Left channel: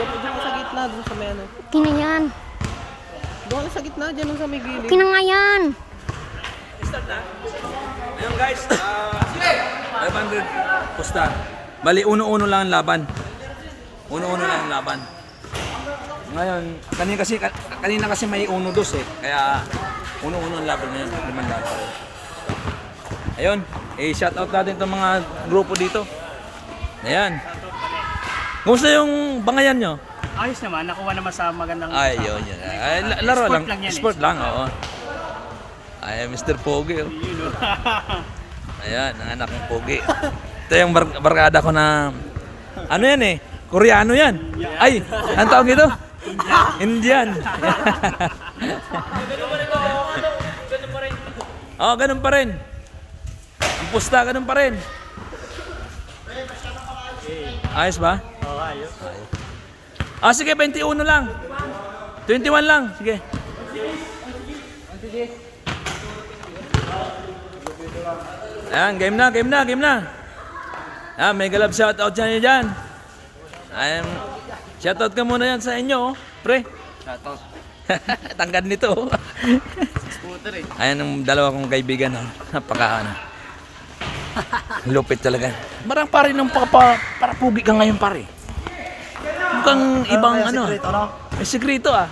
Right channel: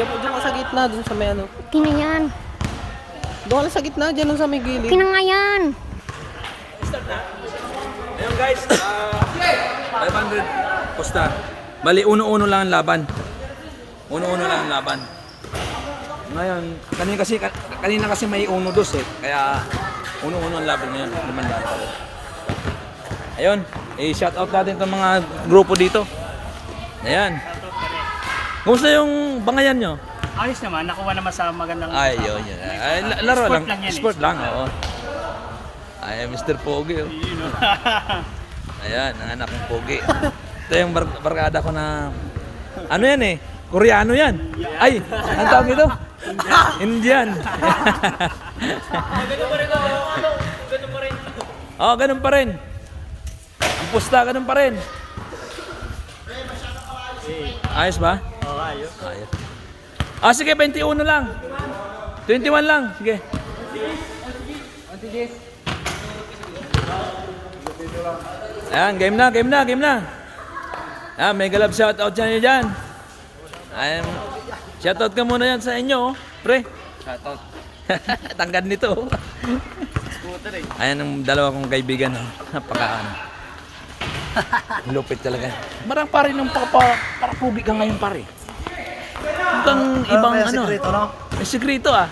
Diyan ka sa gitna, dun sa may ano. Okay na yan. Doon ka sa gitna, dyan sa may gilid. Okay na nga yan. Start na. Ayun guys, 500 posta. Bali, uno-uno lang ang laban. Uno-uno lang ang laban. Ngayon, kanina kasi may uno-dos eh. Kaya, uno-uno ang laban ngayon. 500 pa rin. Ayun, i-shoutout natin itong mga grupo dito. Ayan. Kumusta yung bangayan nyo? Ayos naman, nakuha naman sa magandang Ay, yun, yun. Ay, laro Sport lang. lang yan eh. Sport lang, oo. Ay, Mr. Pogi, oh. Ayan, ang anak ng Pogi. Ito yung barkada ko na, ano yan eh, Koreano yan. Ay, ang tawag ito? Indian. Oh, ganun pa rin. Ang pusta, ganun pa rin. Ayos ba? Oo, ayos. Ayos. Ah, sige, 21 lang. 21 lang, sige. Ayan, game na, game na, game na. Ah, may galab shoutout dyan. Ayan, shoutout ka muna yan sa inyo, oh. Pre. Shoutout. Tangkad nito, oh. Ayan ang dalawa kong kaibigan, oh. Napaka, ano. Lupit talaga. Marang pare nung para pugi ka ngayon, pare. Mukhang ibang ano. May sekreto, ah.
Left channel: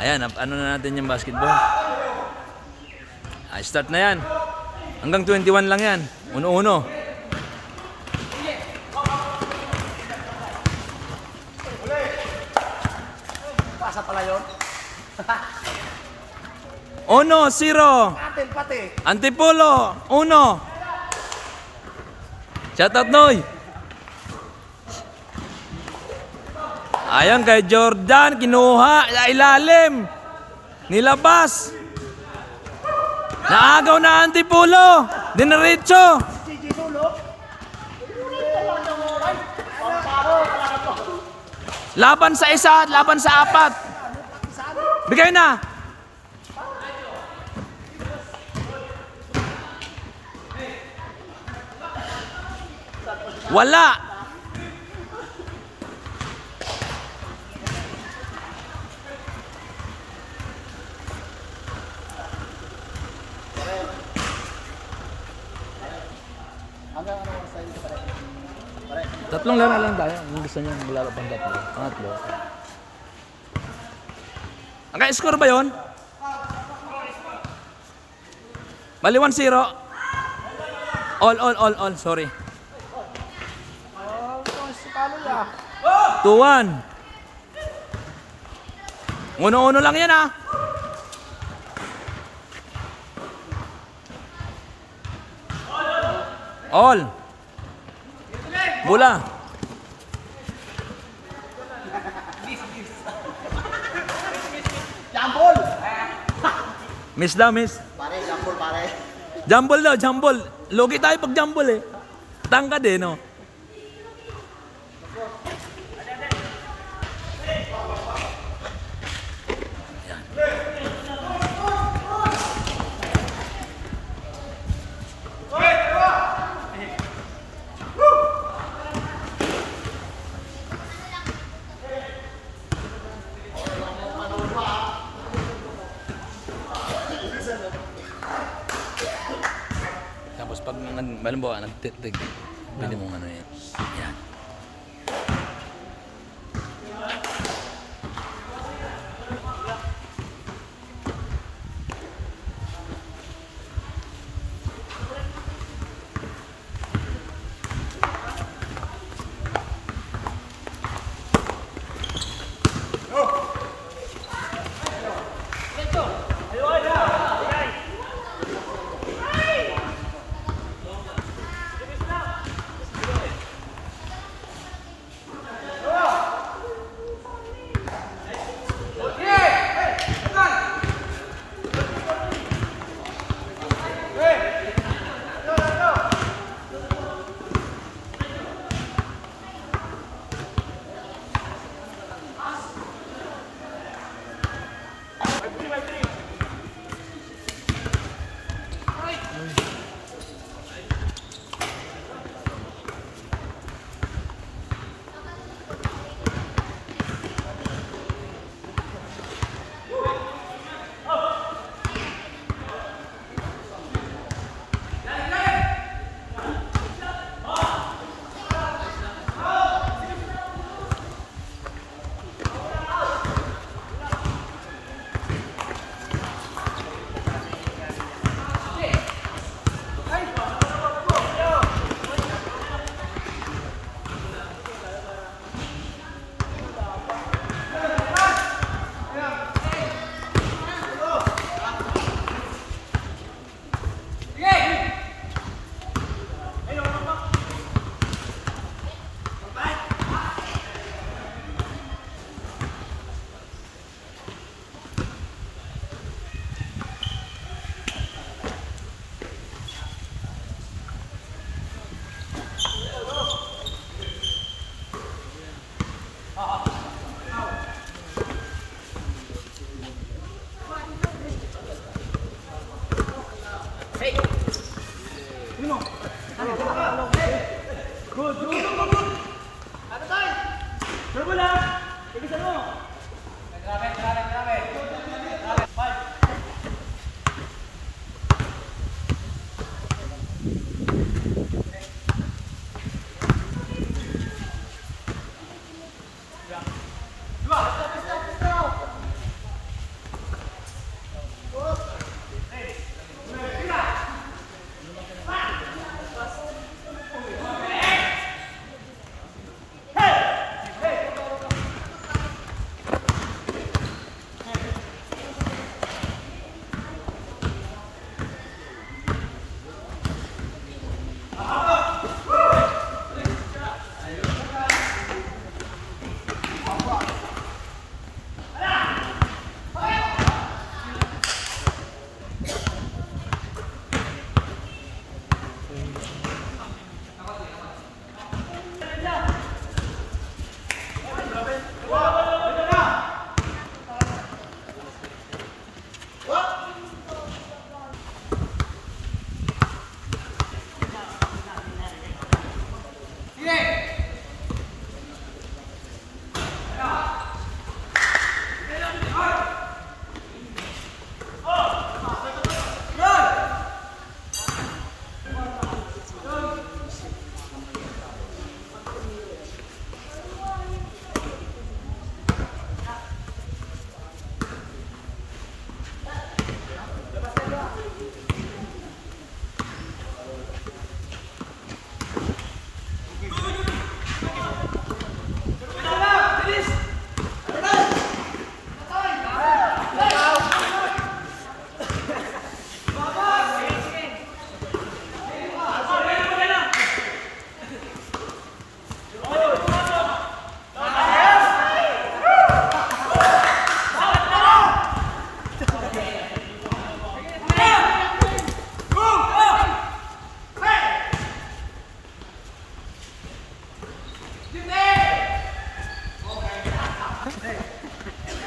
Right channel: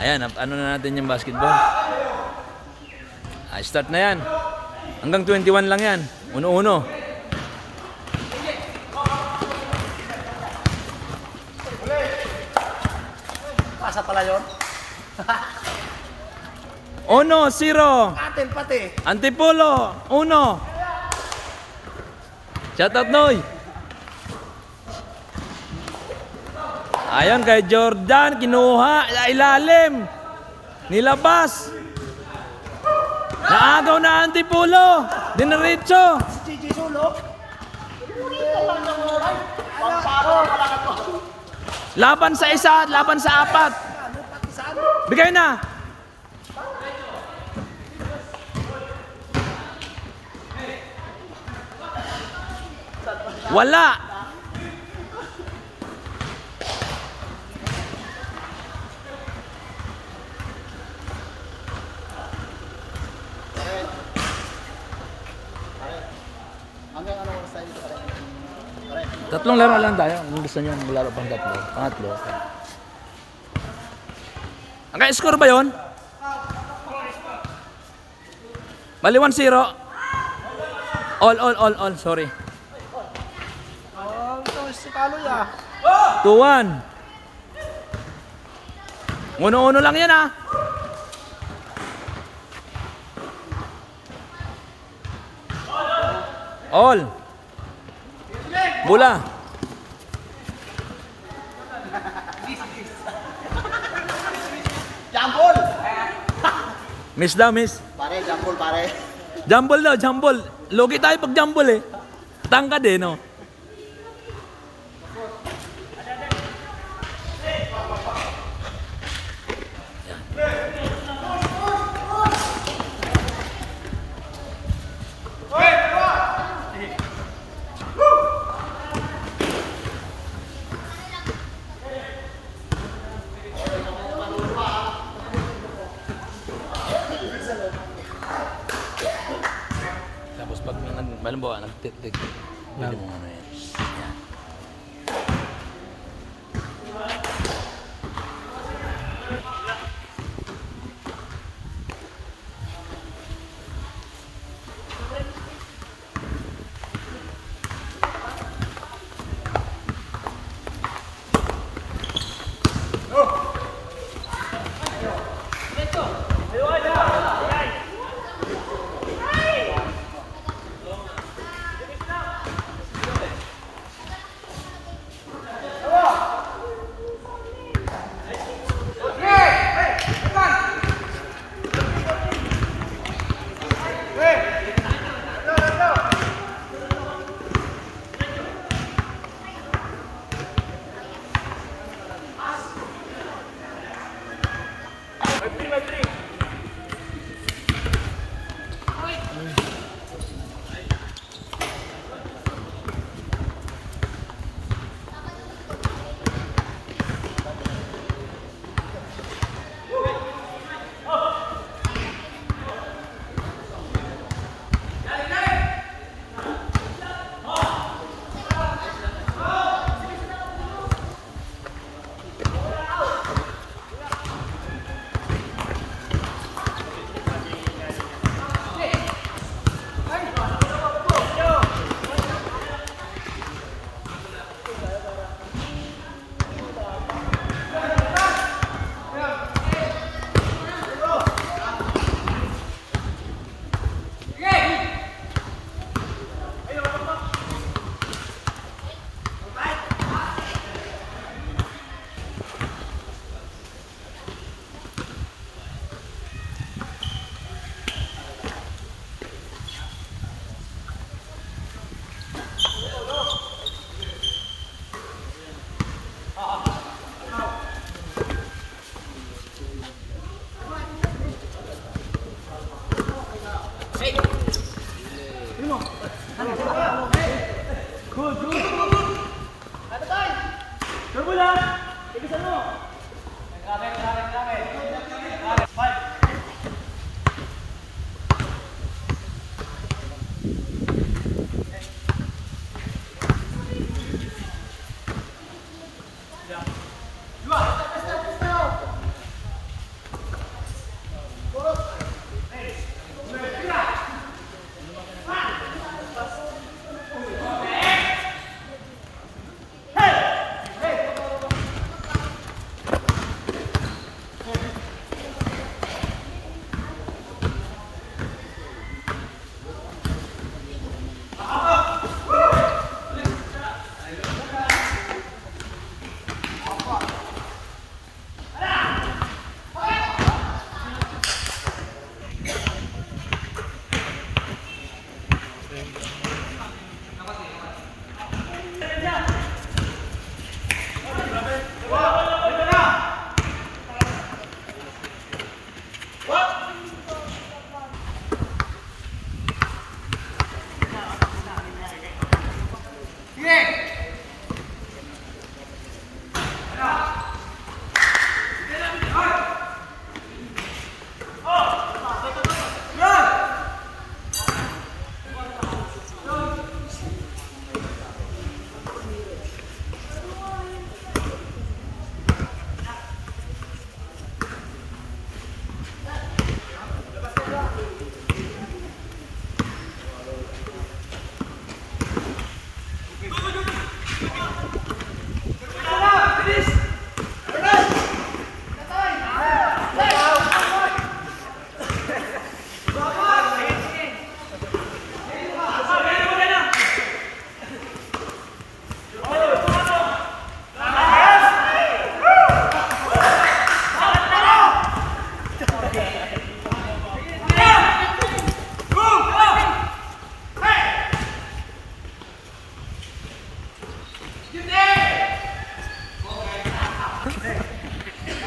Ayan, ano na natin yung basketball. Ay, start na yan. Hanggang 21 lang yan. Uno-uno. Asa pala yun? Uno, zero. Atin pati. Antipolo, uno. Shoutout, Noy. Ayan kay Jordan, kinuha, ilalim. Nilabas. Naagaw na Antipolo. Diniretso. Laban sa isa, laban sa apat. Bigay na. Wala. Tatlong laro lang tayo. Kung gusto nyo maglaro pang tatlo. Pangatlo. Naka-score ba yun? Bali 1-0. All. Sorry. 2-1. Uno-uno lang yan, ah. All. Bola. Jambol! Miss daw, miss. Pare, jambol pare. Jumble daw, jumble. Logi tayo pag jumble eh. Tangkad eh, no? Tapos pag malimbawa nagtitig, pwede mo ano yan. Yan.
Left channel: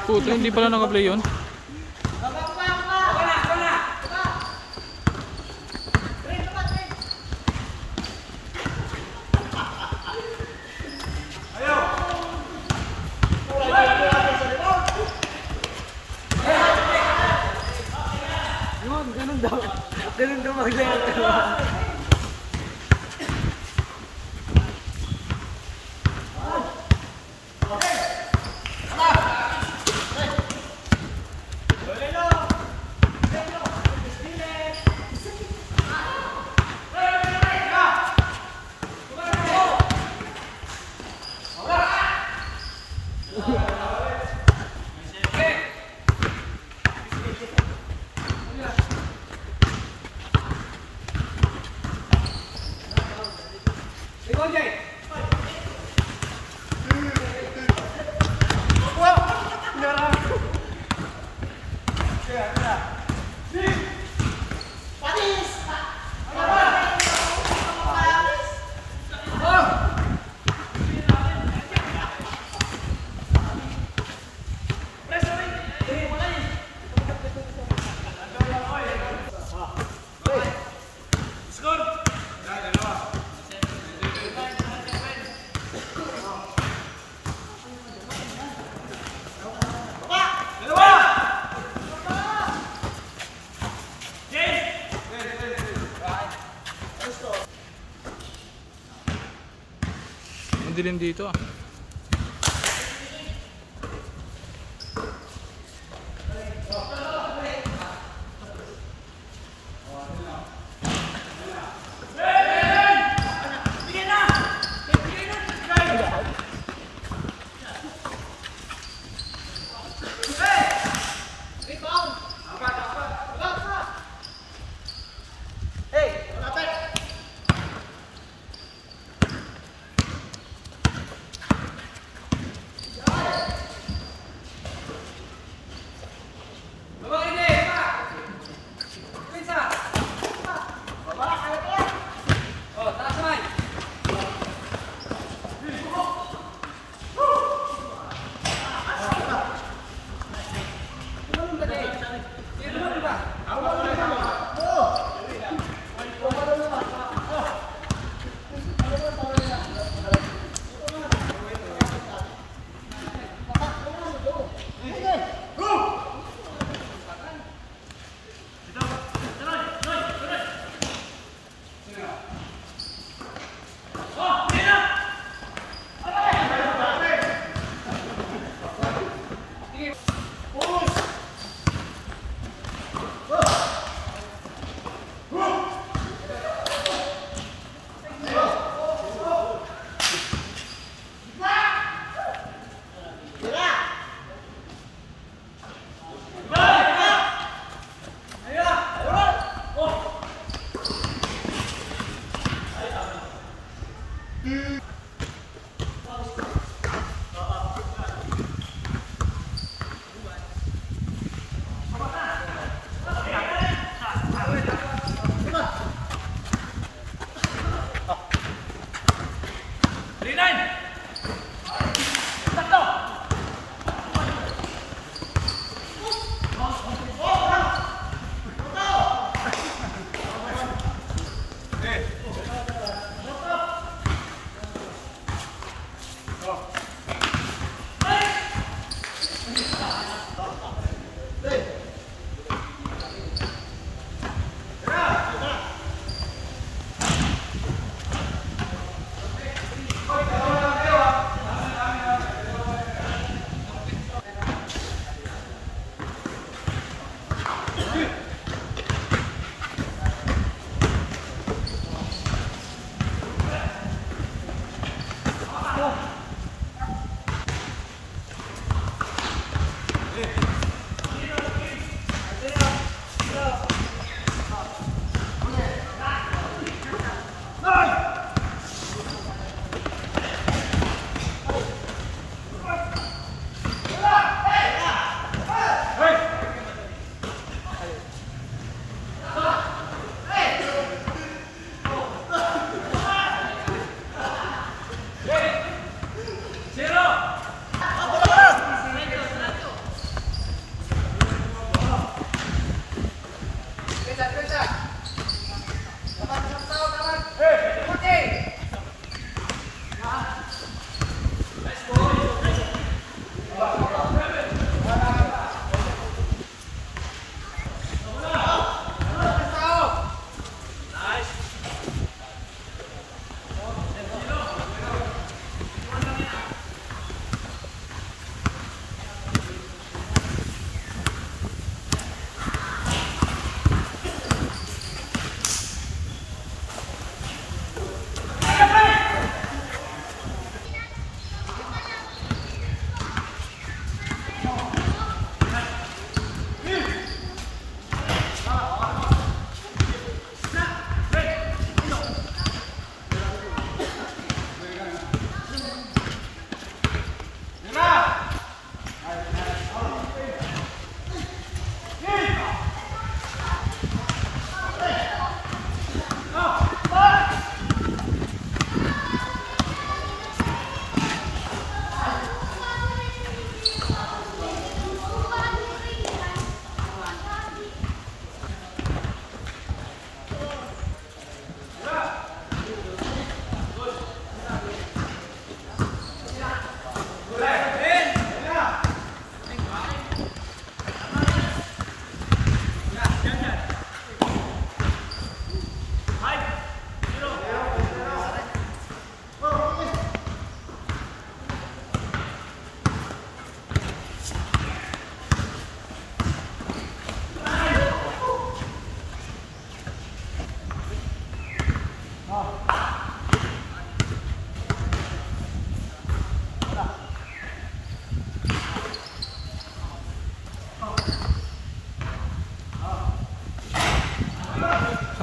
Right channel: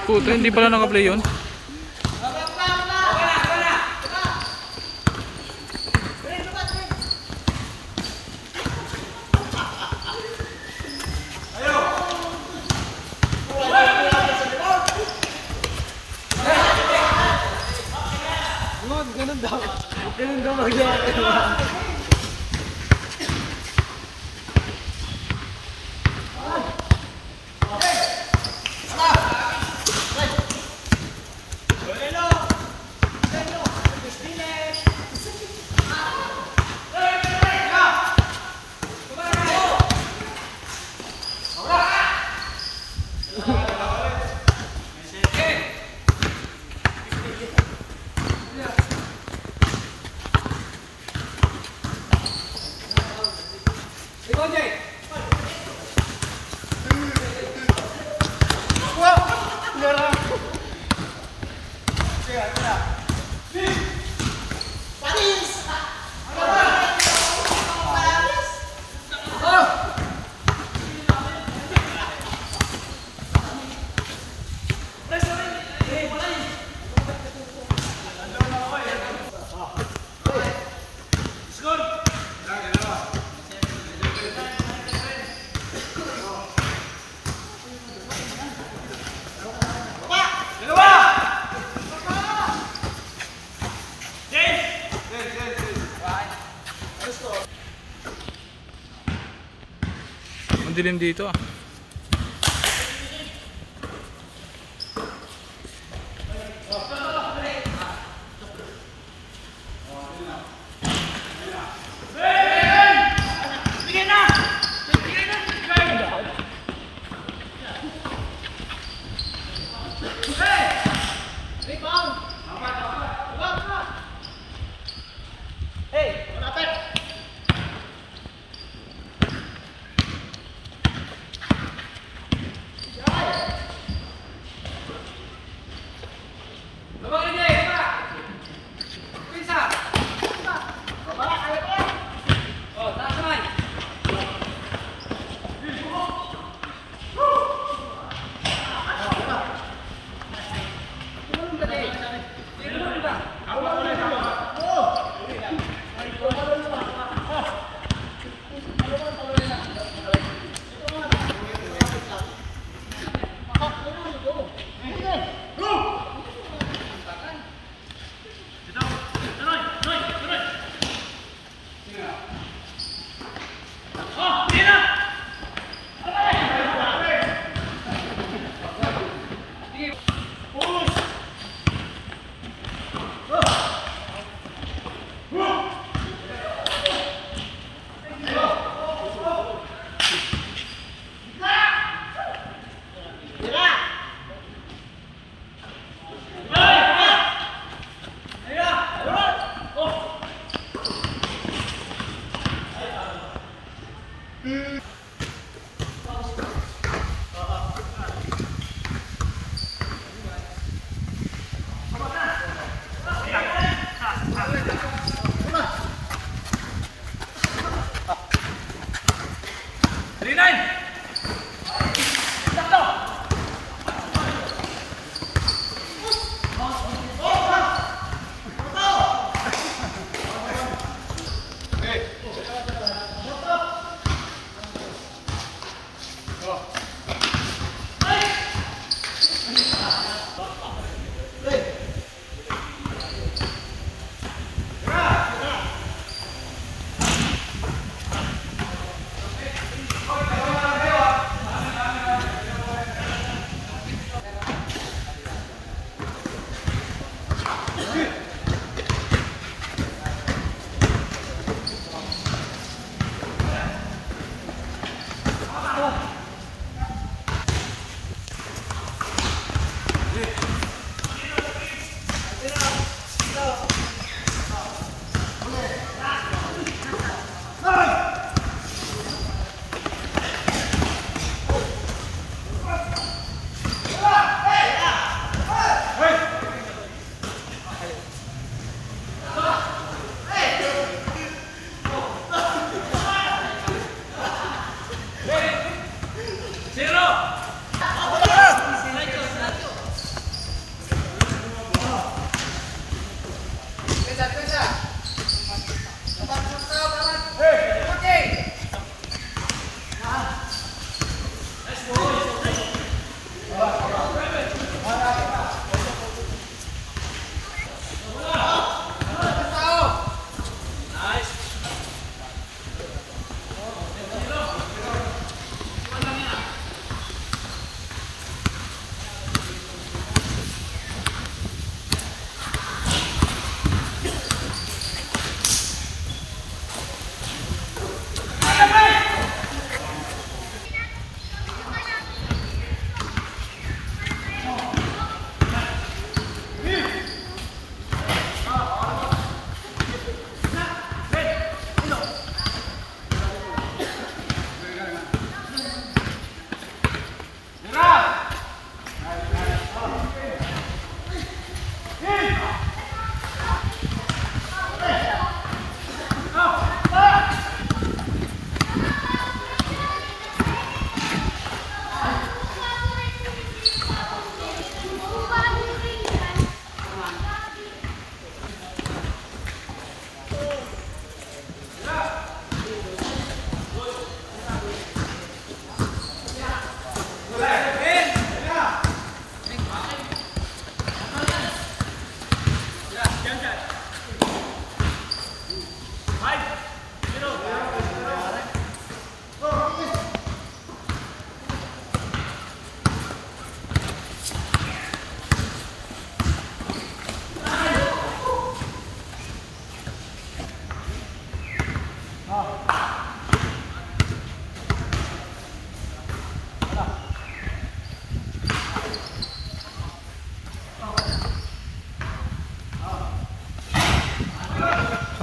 Puta, hindi pala naka-play yun. Ganun daw magyari. Dilim dito ah.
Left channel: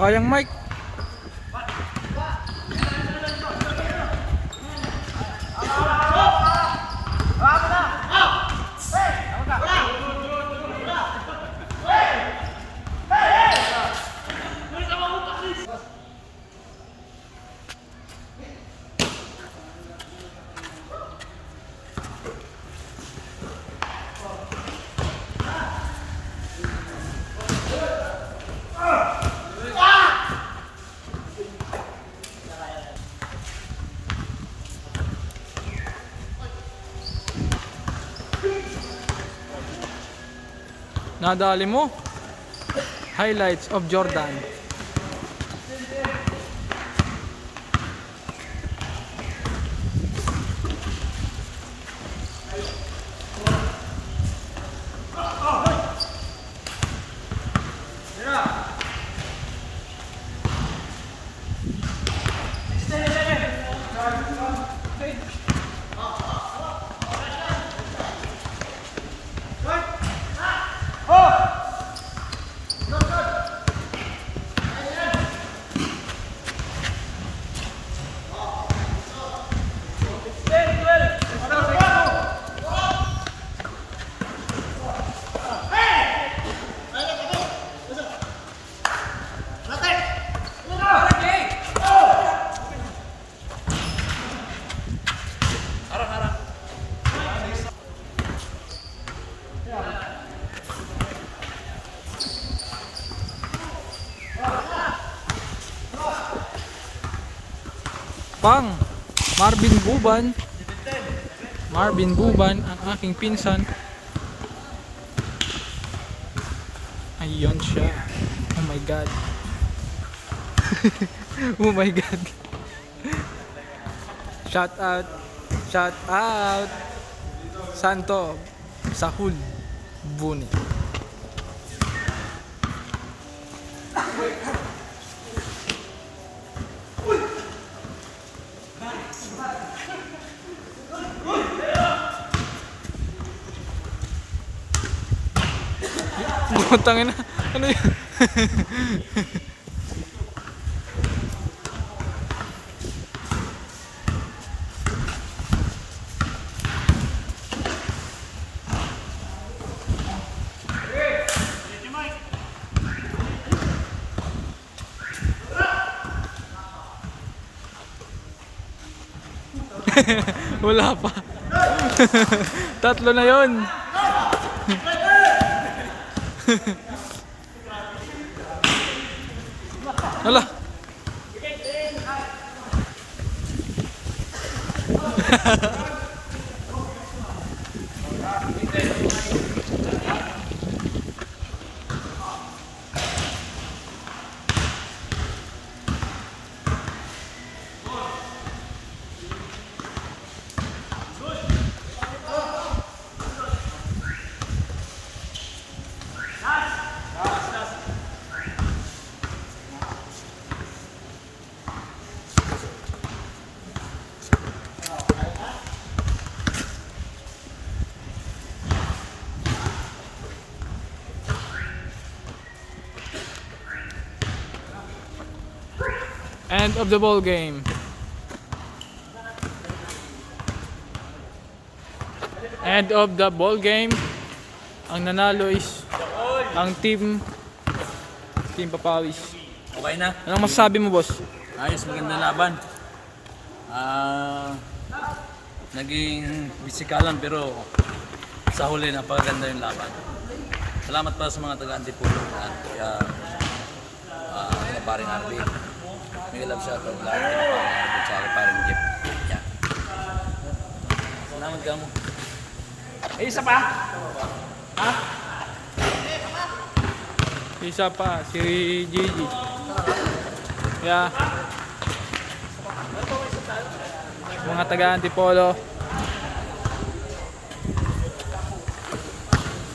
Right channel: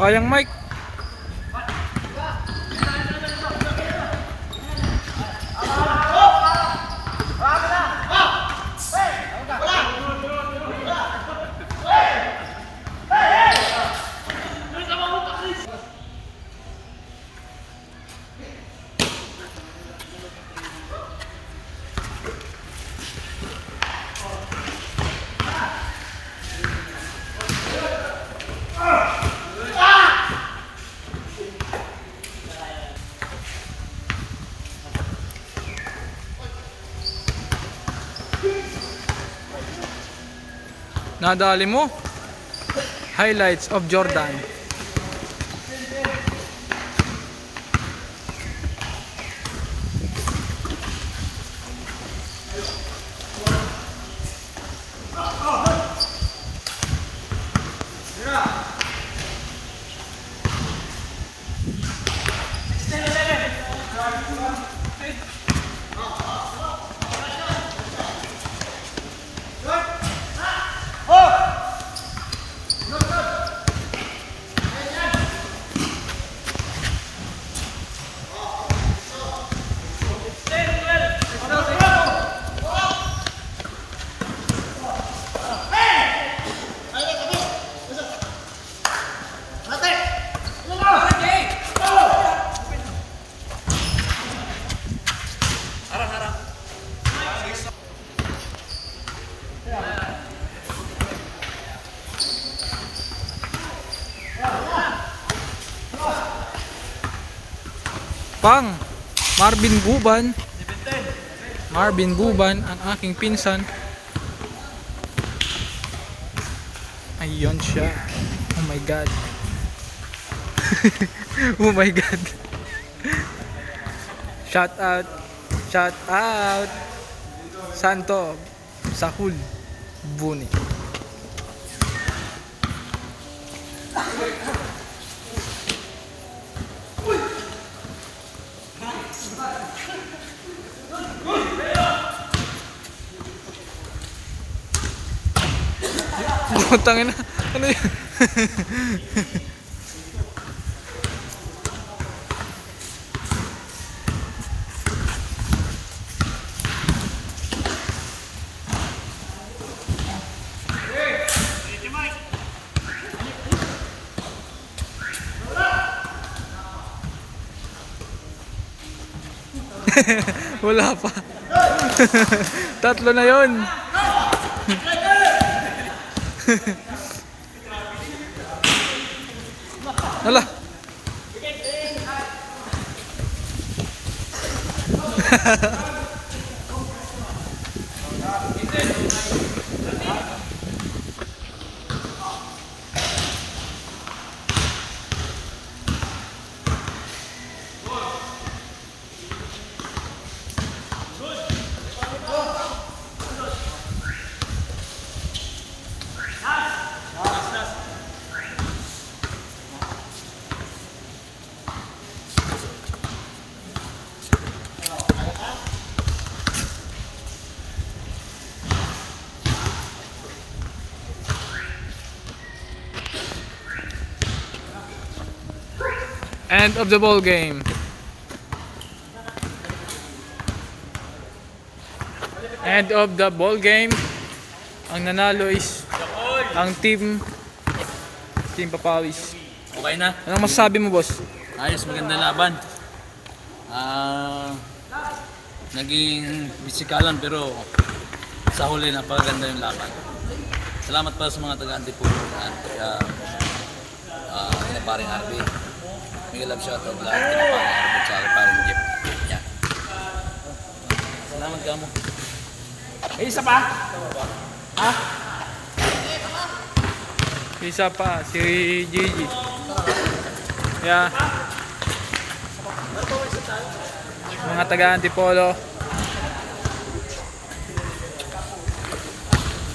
Kayang Mike. Nadali mo. Highlights of Jordan. Pang Marvin Buban. Marvin Buban ang aking pinsan. Ayun siya. Oh my god. Oh my god. Shout out. Shout out. Santo Sahul Buni. Tangin na. Ano yun? Wala pa. Tatlo na yun. Hala. End of the ball game. End of the ball game. Ang nanalo is ang Team Papawis. Okay na. Anong masasabi mo, boss? Ayos, maganda laban. Naging bisikalan pero sa huli napakaganda yung laban. Salamat para sa mga taga-Antipolo at paring RB. May love shoutout lahat kina paring RB at paring Jeep. Yan. Salamat ka mo. Isa pa? Isa pa, si Gigi. Yeah. Mga taga-Antipolo.